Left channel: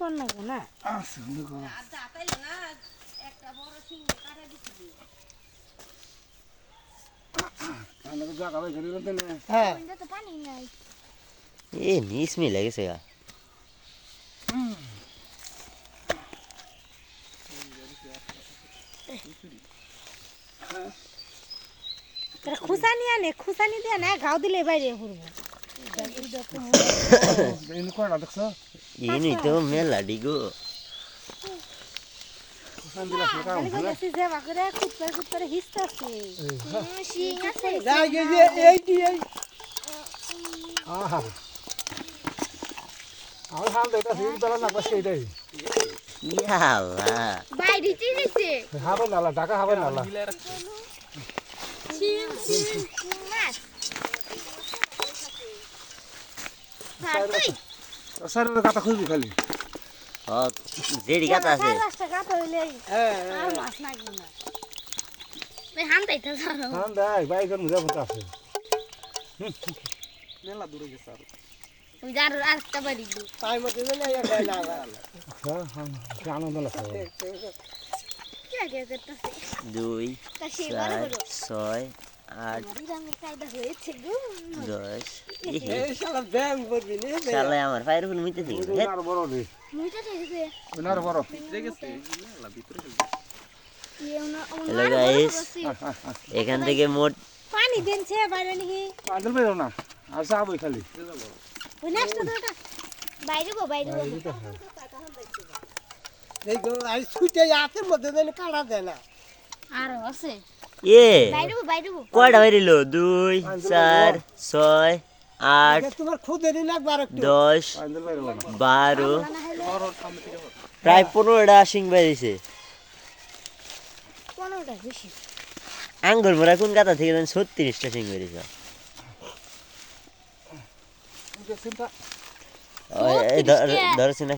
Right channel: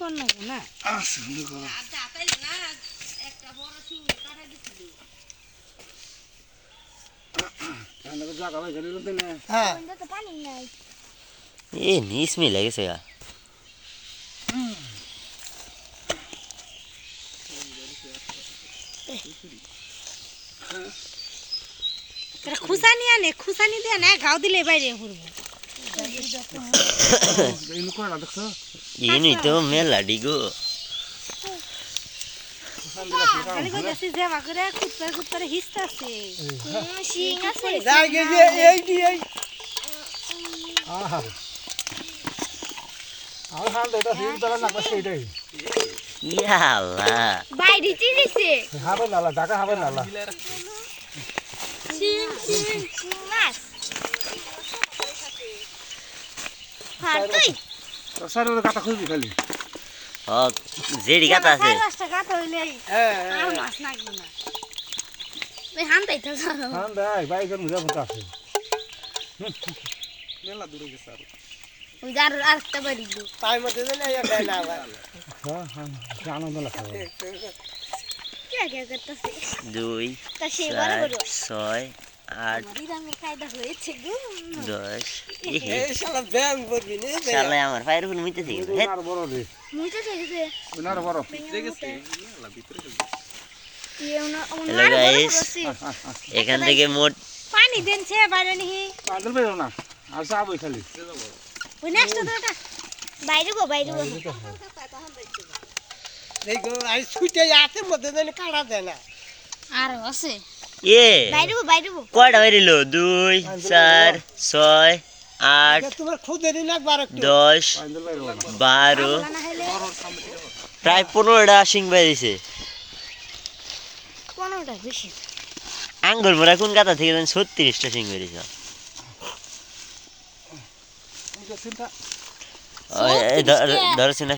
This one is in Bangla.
কর না না আচ্ছা দেখো আচ্ছা তাই না একটা বড় সিং কাটা দিছিলি কানে জায়গা হয়ে গেল তো না হ্যাঁ ওইটা তো পানি নাই এ নিস মি লাগেছে গা তোরা খুসানি আনে খুসানি দিয়ে না গাও দিলে বাইরে ঘুরবো ইন কোনা দেখছো ইনি তো মেলা ডিগো খালি কইতাছি যে বাকরে কুত্তারে হিস্তাছে সিং আছে যাই গেছে এইটি এই আহা আর হাল এটা হিল দলা না পাশে এটাই ইয়ালা বাইরে চিরিছে হবে নালা ঢাকা হবে নালা সিং মাছ হ্যাঁ তুই সারের কথা খুঁজি খালি ও জেডি গাতা আছে রাস্তা গাত হইলে আর মাছ নাগবো না এই হানতাই তো জানো হান দাই বাইকের মুজা মত আছে মেলা দূরে গেছে আর ওই যার আরেকটা বাড়ি দু তাই মতে না ইয়া দেয় না আবার হ্যাঁ হ্যাঁ আনন্দ লাগে কে কে করতেছে 2 তা সে 4 6 8 আমারই রঙের কায়দা হয়েছে গো 10 এই শালা ব্যায়াম করবি নে শালা আমার ফায়ার ফুল মিতে থেকে হে আর বড় রে মুইটা চলেছে উনার বড় হ্যালো গাইস এখান থেকে মোট পানি দেনছে বাইরে নিহি পাগল বেরো না আর সাবই খালি ওই নেক্সট তোটা বাইরে গো দেখো আই ছুটে যাতে মধ্যে দেন কাটা দেয় না আর আছে এ বাইরে গো কয়টা বাইরিল 2 4 6 8 তোমার খুদেরই লাগবার একটু 10 পাগল বেরো না 12 না হলে প্রায় 15টা সিং বাইরেছে কোনটা বেশি আঙ্গুল মোরা কোন গাতা থেকে 36টা সিং বাইরেছে চিন্তা ধরছেন